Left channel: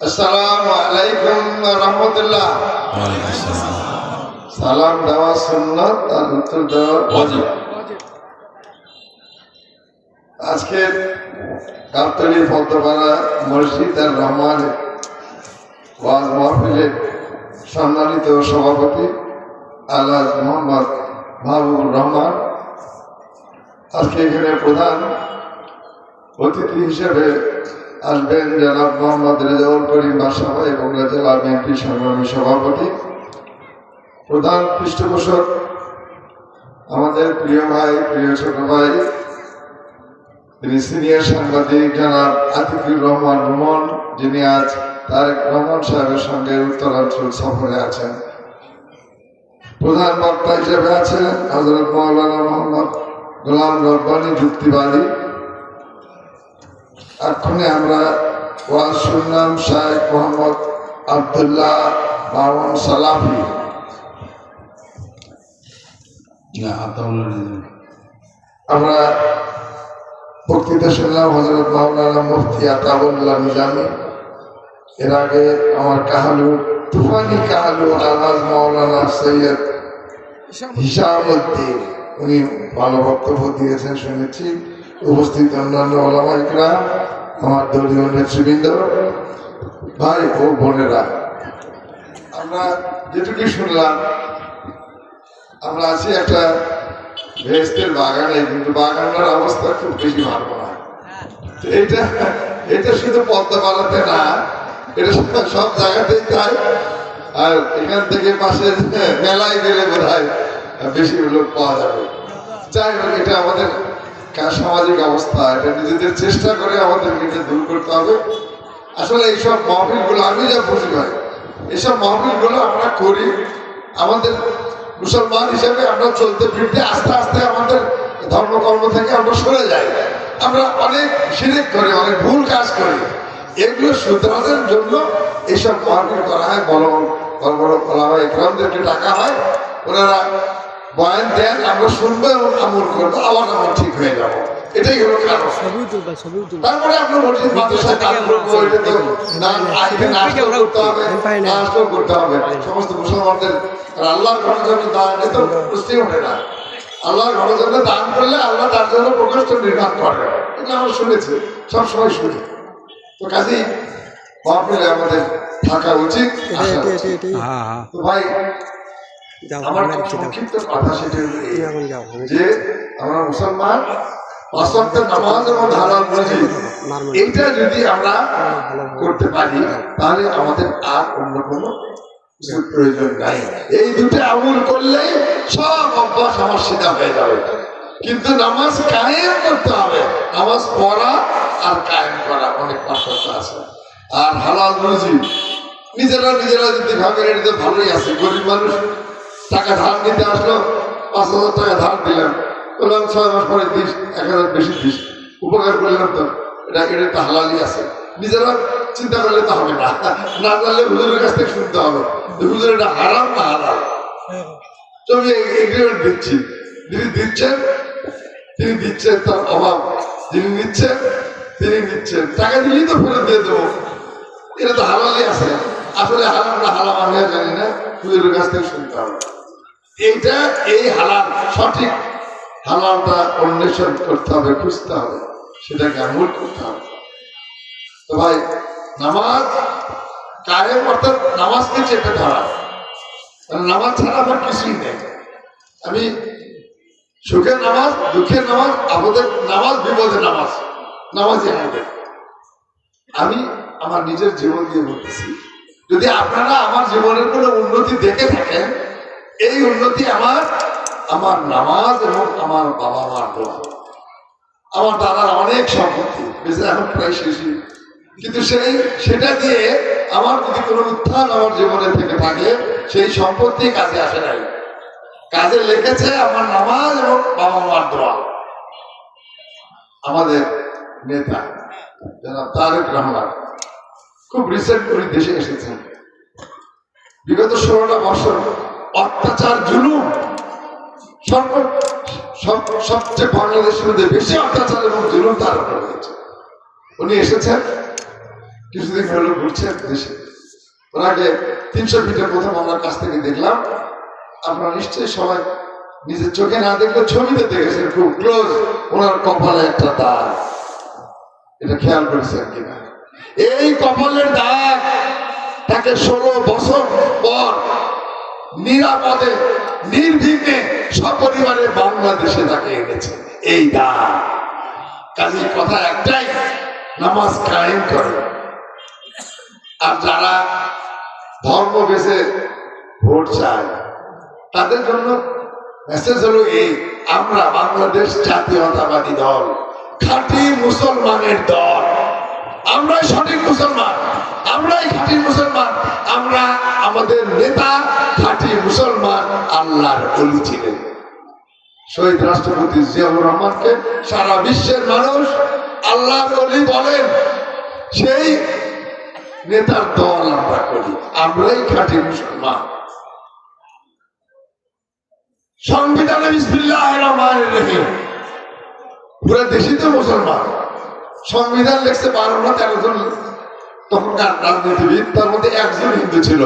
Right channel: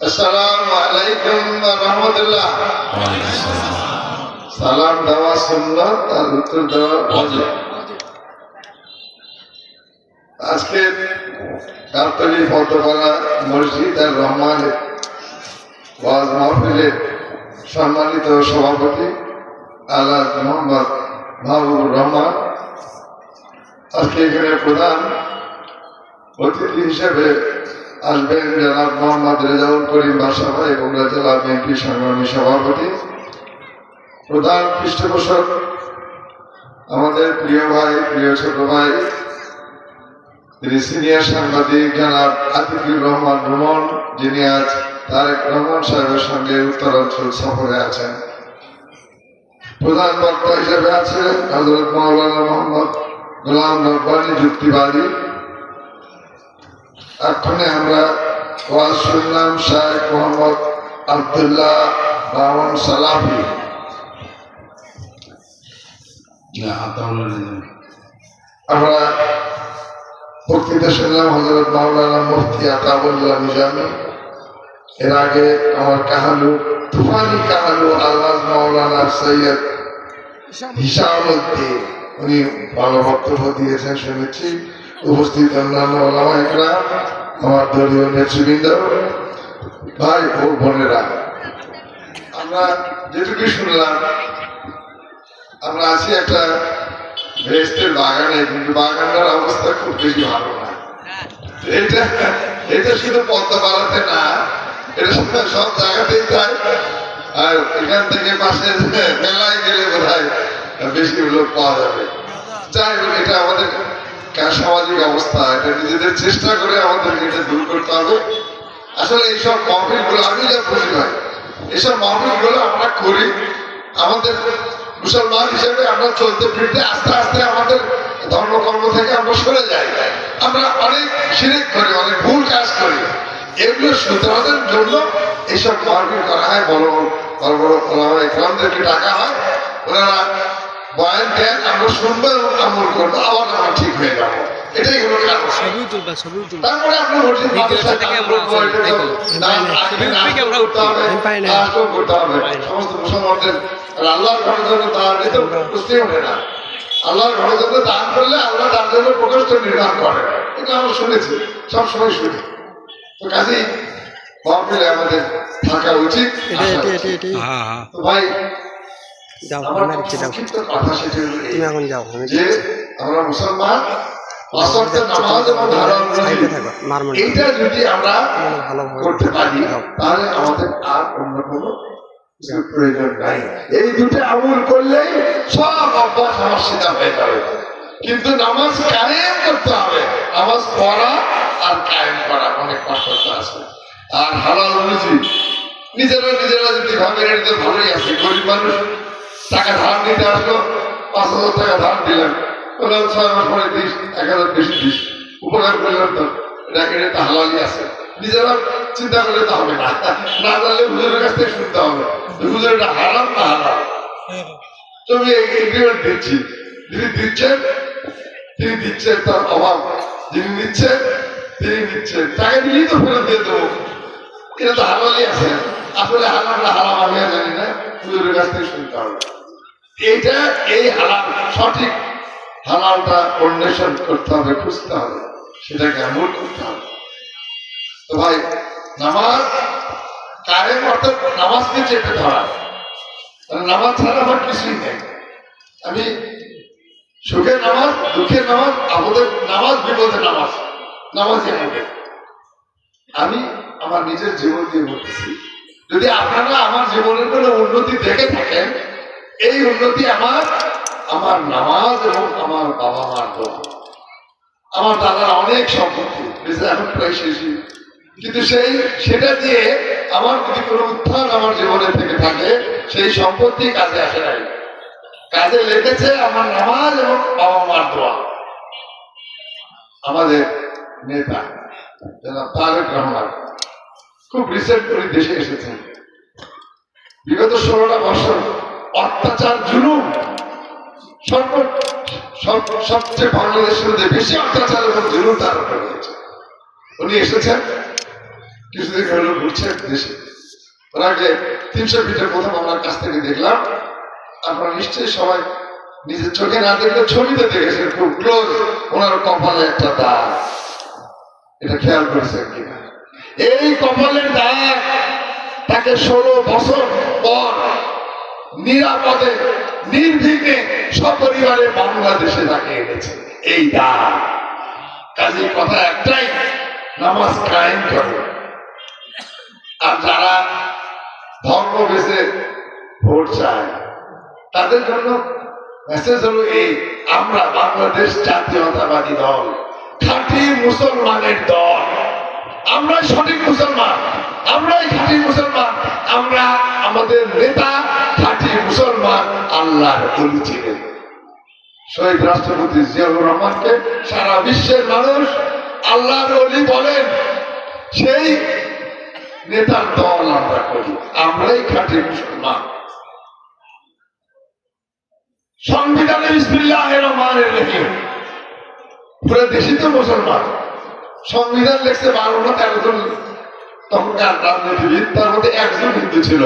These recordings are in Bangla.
আসসালামু আলাইকুম ওয়া রাহমাতুল্লাহ। সালাম দেওয়া সুন্নাত আর উত্তর দেওয়া ওয়াজিব। আজকে গাবতলী ফতেপাড়া মসজিদ আর রহমানের ওয়াজ মাহফিলের সম্মানিত সভাপতি আল্লাহ মোহাম্মদ মাহবুবুর রহমান আজকে এখানে প্রধান অতিথি হিসেবে আসবেন জনাব মোহাম্মদ রেজাউল করিম বাদশা ভাই, বগুড়া জেলা বিএনপি সংগ্রামী সভাপতি। প্রধান পৃষ্ঠপোষক আমাদের প্রিয় ভাই, প্রিয় ছোট ভাই, তিনি সিনিয়র সাংবাদিক জনাব আতিকুর রহমান রুমন, যিনি আজ তারেক রহমান সাহেবের সঙ্গে উত্তরাঞ্চল সফরে আছেন। প্রধান বক্তা হিসেবে আছেন হযরত মাওলানা মোহাম্মদ গোলাম রব্বানী যুক্তিবাদী। এক্ষণে আমরা ওয়াজ শুনলাম শেখ মোহাম্মদ আব্দুল্লাহ মামুন সালাফি। আমরা বক্তৃতা শুনলাম হযরত মাওলানা মুফতি আতাউল্লাহ নিজামী। এর আগে আমার কাহালু তুফানি কাহালু আলহাজ মাওলানা সৈয়দ হিসামউদ্দিন, উনি ভালো বক্তব্য দিয়েছেন শুনেছি। উপস্থিত অন্যান্য ওলামা ইকরাম, আমার দলীয় নেতৃবৃন্দ, ভাই ও বোনেরা, আমরা যেটুকু শুনলাম, আমরা আছি একটা ভেস্টের বাগানে, কিন্তু বাগানের অবস্থা খুব বেশি ভালো না। এটা শুধু পদ্মাপাড়াতে না, এটা সব জায়গাতেই তাই। আর এখান থেকে পাশে মেলায় গেলে বোধহয় বেশি লোক পাওয়া যাবে। যাই হোক, এটা আমাদের সামাজিক অবস্থা, এটা নিজেদের চেষ্টা করে আমাদের এটা দূর করতে হবে। আসলে এইসব মাহফিলগুলো আমি যা বুঝি ভাই, এইসব মাহফিলগুলো আমরা করি আমাদের মুসলমান হিসেবে আমরা চলতে ফিরতে আস্তে আস্তে আমাদের ধর্মকর্ম থেকে আমরা সরে যাই। আমরা অনেক শিরক করি, অনেক ভুল কাজ করি। এগুলো শুধরানোর জন্য এইসব মাহফিল করা হয়। বড় বড় ওলামা ইকরামদেরকে ডাকা হয়, ওনারা বয়ান দেন, আমরা শুনবো এবং আমল করবো, আবার আমরা ঠিক হয়ে যাবো। এটাই হলো কারণ। তারপরে আমরা সমস্ত মুসলমানদের আল্লাহর ঘরের জন্য দান দিতে বুঝতে হবে না। আল্লাহর ঘরের জন্য দান করলে আল্লাহ তার জন্য প্রকোষ্ঠ নির্মাণ করে, এটা আমরা শুনেছি, সবসময় শুনি। তো কাজেই মাহফিলে আমাদের থাকা উচিত। তো ভাই, আমরা মুসলমান, নামাজ এবং ধারণ করি, এইটা যদি আমরা করতে পারি তাহলে আমাদের আর অন্য কোনো প্রয়োজন নাই। এই দুটো আমল করলেই সব অভ্যাস আমার সিধা হয়ে যাবে। কিন্তু নামাজ কায়েম করতে হবে। নামাজ পড়া আর কায়েম করা অনেক পার্থক্য আছে। আর হালাল রুজি নিজেরা যদি ভাবেন এটা ভালোই আছে, গরিব মানুষ টাকা ধার নিতে আসলো, ৫,০০০ টাকা ধার দিলেন, বললাম ৬ মাস পরে দিস, ১,০০০ বেশি দিস, উপকার করলাম, তো এটা তো হালালই আছে। নিজেরা চিন্তা করলে তো হবে না, না জানলে হুজুরের কাছ থেকে শুনতে হবে হুজুর এটা হারাম না হালাল। তো আমি এগ্রিমেন্ট দিচ্ছি, যিনি দিচ্ছেন তার অভাব, যিনি নিচ্ছেন তিনি নিচ্ছেন, টাকা দিলেই তো ফেরত দিয়ে দেবো, এটা তো হালালই আছে। আসলে হালাল না হারাম আমি আর জানি না, হুজুরের কাছ থেকে শুনতে হবে। এইটা এই হালাল, সঠিক হালালটা অন্বেষণ করতে হবে, খুঁজতে হবে, সেটাকে আমল করতে হবে। তো ভাই, নামাজ কায়েম অর্থাৎ নামাজকে চেপে ধরা, নামাজ ছাড়া আমার কিছুই নেই। আমি সুখের নামাজ, দুঃখের নামাজ, আপদের নামাজ, বিপদের নামাজ, নামাজই হবে। আমি আমার নিজের জীবন দিয়ে বলতেছি, যদি আপনারা আমার জীবনের কোনো উন্নতি দেখে থাকেন, এই উন্নতি আমার নামাজ এবং আমার বাবা মার দোয়া। আমার দাদার অনেক সম্পত্তি, এখন প্রায় শেষই, কিন্তু সেটা দিয়ে আমার যদি কোনো উত্থান আমার জীবনে থেকে থাকে, সেই সম্পত্তি কাজে আসে নাই। কাজে লেগেছে আমার নামাজ এবং বাবা মার দোয়া। আমাদের নেতা জনাব তারেক রহমান খুব রিসেন্ট করে দেশে এসেছেন। বিগত 16টা বছর অত্যাচার, জুলুম, সবচেয়ে বাংলাদেশের মধ্যে বেশি অত্যাচার এবং জুলুম তার উপর হয়েছে। উনি এসেছেন, কিছুদিন হলো ঘুরছে দেশে। ওর আগে 300 ফিটের প্রথম আমার কাছ থেকে দেখলাম। আপনারা নিশ্চয়ই সবাই নিজের চোখে না দেখলে ছবিতে দেখেছেন খুব ক্লোজ, ওনার কপালে একটা দাগ। এটা খেয়াল করেছেন কিনা? এই কপালের দাগ তাকে 16 বছর পর নিরাপদে নির্বিঘ্নে সপরিবারে বাংলাদেশে তাকে এনেছে। এই দাগ কাজে কথা একটাই, নামাজ কায়েম করে। আর যারা ধর্ম বেঁচে ভোট চায় তাদের জন্য মেসেজ হলো এই, আমরা বাংলাদেশ জাতীয়তাবাদী দল, খাঁটি মুসলমানের দল, আমরাই সঠিক মুসলমান, আমরাই খাঁটি মুসলমান। আমরা আমাদের নেতা খাঁটি মুসলমান, আল্লাহর ওলি ছিলেন। শহীদ রাষ্ট্রপতি জিয়াউর রহমানকে সারা বিশ্বের মানুষ আল্লাহর ওলি বলেন। সেই নেতার দল আমরা করি, আমরাই খাঁটি মুসলমান। সংবিধানে বিসমিল্লাহির রহমানির রহিম, পুরো দেশই তো মুসলমান। সংবিধান লিখছে 12 না 13 জন তখনকার রাজনীতিবিদ, তার মধ্যে একজন হিন্দু ছিল,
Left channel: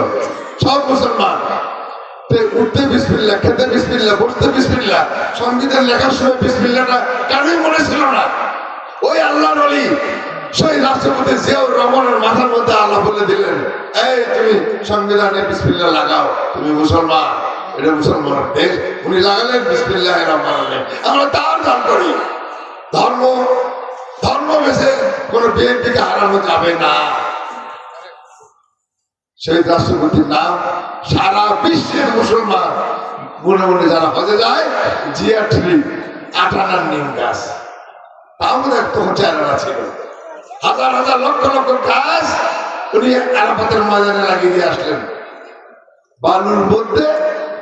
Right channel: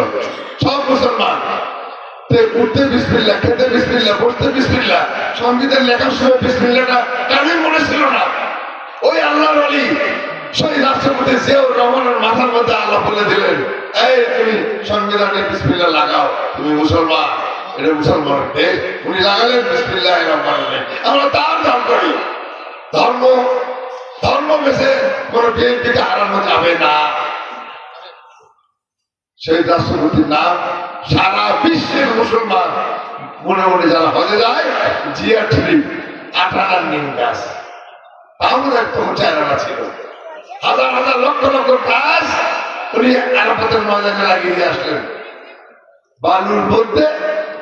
সব মুসলমান। উঠতে বিসমিল্লাহ, খেতে বিসমিল্লাহ, বসতে বিসমিল্লাহ। সংবিধান লেখার সময় বিসমিল্লাহটা কারোই মনে ছিল না। ওই আল্লাহর ওলি শহীদ রাষ্ট্রপতি জিয়াউর রহমানের মাথার মধ্যে আল্লাহ বলে দিলেন, এই তুমি সংবিধানে বিসমিল্লাহ লাগাও, তুমি মুসলমান, এটা মুসলমানের দেশ। উনি লাগালেন বিসমিল্লাহির রহমানির রহিম। আমরা তার নাম করি। ধর্ম বেঁচে কোন বিএনপিকে হারানো যাবে না। সেই রাষ্ট্রপতির নাম সারা বিশ্বের মুসলমান মনে মনে যারা হজে যায়, জিয়া ট্রি, 8 আনার নিম গাছ, তাও তখন 4 আনা ছিল। হাজার হাজার লক্ষ লক্ষ গাছ উনি আরাফাতের ময়দানে লাগিয়ে দিয়ে আসলেন। বালুর মধ্যে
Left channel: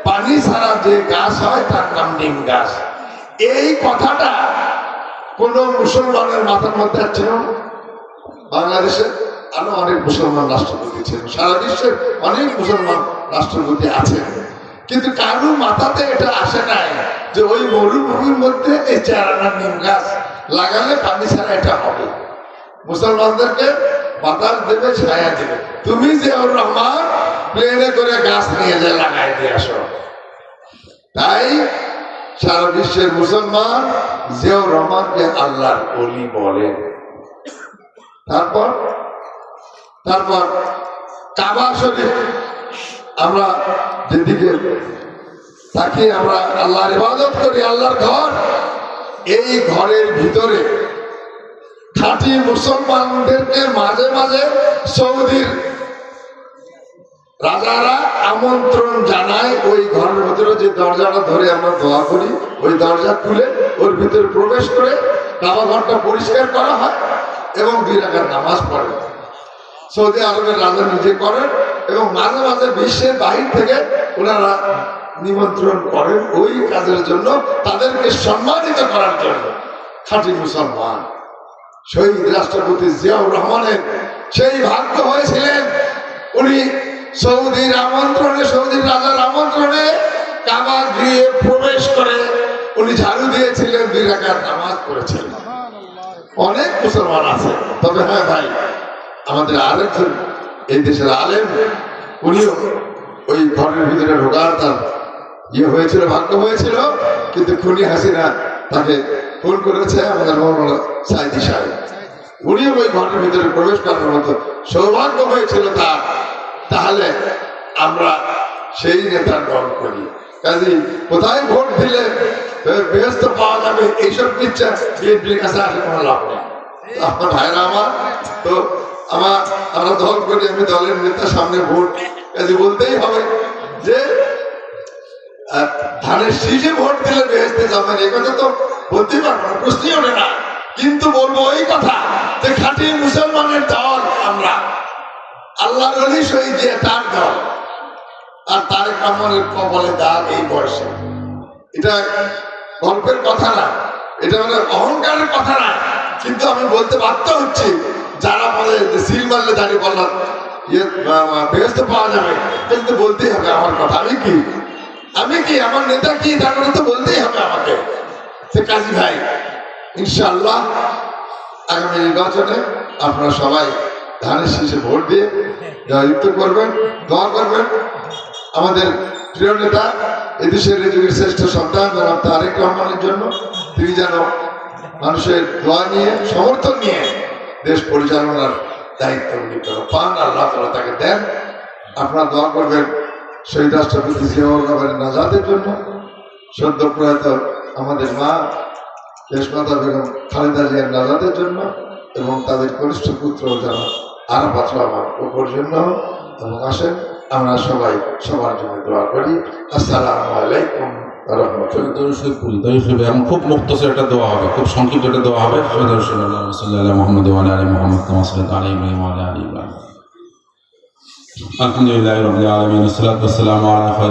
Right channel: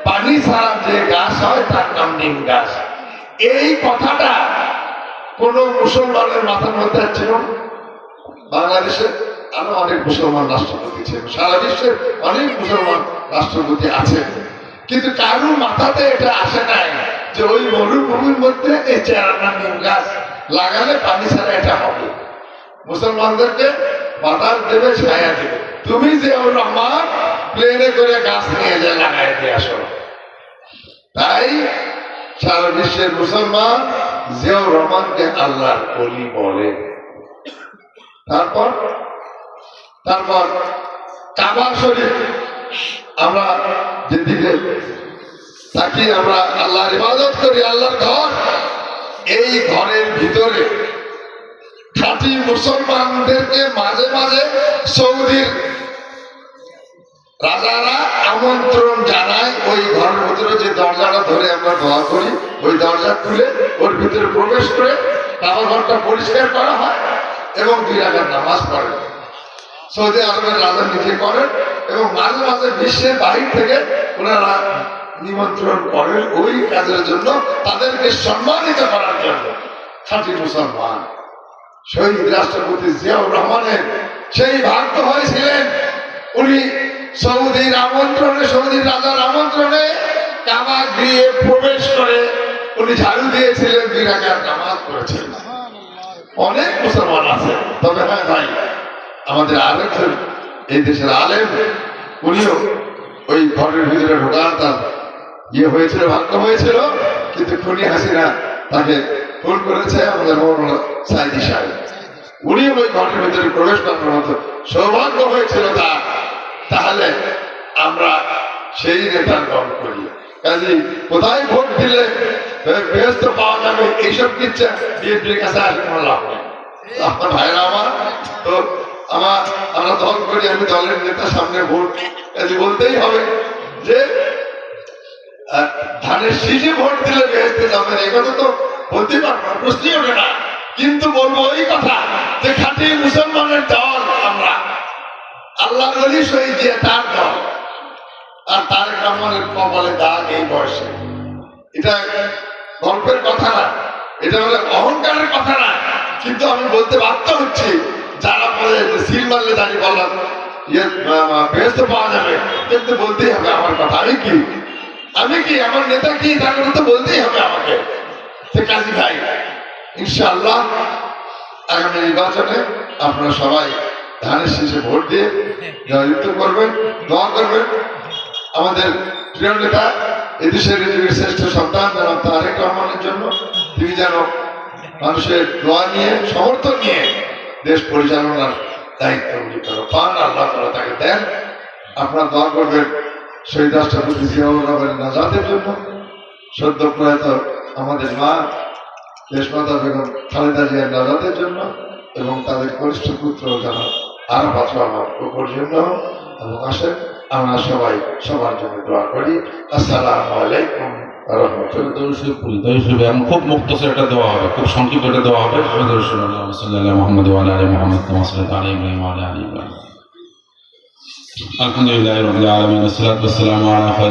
পানি ছাড়া যে গাছ হয় তার নাম নিম গাছ। এই কথাটা কোন মুসলমানের মাথার মধ্যে ছিল না। বাংলাদেশে আরো অনেক মুসলমান রাষ্ট্রপতি ছিল, সারা বিশ্বের অনেক মুসলমান রাষ্ট্রপতি আছে, কিন্তু কারো মাথাতে এটা আসে নাই যে ওই মরুভূমির মধ্যে এই 4 আনা নিম গাছ লাগালে পানি ছাড়া এটা হবে। মুসলমানদেরকে বাতাস দেবে, ছায়া দেবে। তুমি জিয়াউর রহমান প্লেনে করে গাছ নিয়ে যে লাগাই দিয়ে আসো। তাই সারা বিশ্বের মুসলমান জিয়াউর রহমানকে আল্লাহর ওলি বলে। তারপর কাবা শরীফ, আমরা যেদিকে তাকিয়ে আমরা আল্লাহর ইবাদত করি, আল্লাহর ঘর, এই ঘরের ভিতরে খাঁটি মুসলমানদেরকে মাঝে মাঝে সৌদির রাজারা আমন্ত্রণ জানায়। ওই ঘরের ভিতরে যে দরজাটা ধরে আমরা দোয়া করি, ওই দরজা খুলে ওর ভিতরে প্রবেশ করে কাবা ঘরটা পরিষ্কার করা হয় এবং 2 রাকাত নামাজ পড়ে। সৌদি আরবের রাজা নিজে করেন এবং মাঝে মাঝে বিশ্বের বাহির থেকে ওনারা নিমন্ত্রণ করেন ওই কাজের জন্য, তাদেরকে সম্মানিত করার জন্য। খাঁটি মুসলমান শহীদ রাষ্ট্রপতি জিয়াউর রহমানের সেই ভাগ্য হয়েছিলেন, উনি সৌদির আমন্ত্রণে, সৌদির রাজার আমন্ত্রণে কাবা গৃহে প্রবেশ করে উনি ঝাড়ু দিয়েছিলেন, 2 রাকাত নামাজ পড়েছিলেন। অনেক মুসলমান আছে, তবে হ্যাঁ ভাই, আমাদের আরেকজন এই দেশের আলেম, উনিও ওই ঘরের ভিতরে ঢোকার তার হয়েছিল, ভাগ্য হয়েছিল, কিন্তু খুনি হাসিনা তাকে খুন করেছে আমাদের মৌলানা সাইদি সাহেব। উনি ওই ঘরের ভিতরে প্রবেশ করার মতো সৌভাগ্য হয়েছিল তার। তাহলে আমরা সেই নেতার দল করি। কাজে কোথায় ভোট দিলে বেহেশত পাওয়া যাবে, এইসব কিচ্ছা বিএনপির কাছে আসে কোনো লাভ নেই। আপনার ভাইরা আমার তো আমরা দল করি, আমি দলের নেতার সামনে ভোট, কাজে বলতেই হবে যে ধানের শীষে ভোট দিলে বেহেশতে যাবেন, এই কথা তো বলতেই পারবো না, প্রশ্নই ওঠে না। কিন্তু বলবো এই কথা যে খাঁটি মুসলমানের দল আমরা, আল্লাহর ওলি শহীদ দিয়ে তার দল। আর তারেক রহমানের কপালে দাগ এই বয়সে, এটা গল্পের কথা না, এটা হলো অহংকারের কথা না। কিন্তু আমি বলতে বাধ্য হচ্ছি, যারা বলে যে সিল মারলে দাঁড়িয়ে বললাম বেহেশত পাওয়া যাবে, কিন্তু বলতেই হবে আমার কথা। আমি কি আমার নেতা কি, তার কথা তো বলতেই হবে আমাকে। সে কাজী ভাই, ইনশাআল্লাহ আগামী নির্বাচনে আপনারা সবাই ধানের শীষে ভোট দিয়ে জয়যুক্ত করবেন, দোয়া করবেন আমাদের প্রিয় নেতা এদেশের যুগের শ্রেষ্ঠ সন্তান জনাব তারেক রহমানের জন্য। তিনি যেন মানুষের দোয়া নিয়ে সমর্থন নিয়ে দেশ পরিচালনার দায়িত্ব পান, আল্লাহ তাআলা তাকে দেন। আপনারা দোয়া করবেন শহীদ রাষ্ট্রপতি জিয়াউর রহমানের নাজাতের জন্য, সদ্য প্রয়াত আমাদের মা দেশমাতা বেগম খালেদা জিয়ার নাজাতের জন্য এবং তাদের কনিষ্ঠ পুত্র জানা আরাফাত রহমান ওপর জন্য। এবং আসেন আমরা সবাই সবার জন্য দোয়া করি। আসসালামু আলাইকুম ওয়া রাহমাতুল্লাহ। এখন খুব মুক্তসর একটা দেওয়া হবে, খুব সংক্ষিপ্ত একটা দেওয়া হবে। আলহামদুলিল্লাহ রাব্বিল আলামিন, আসসালাতু ওয়াসসালামু আলা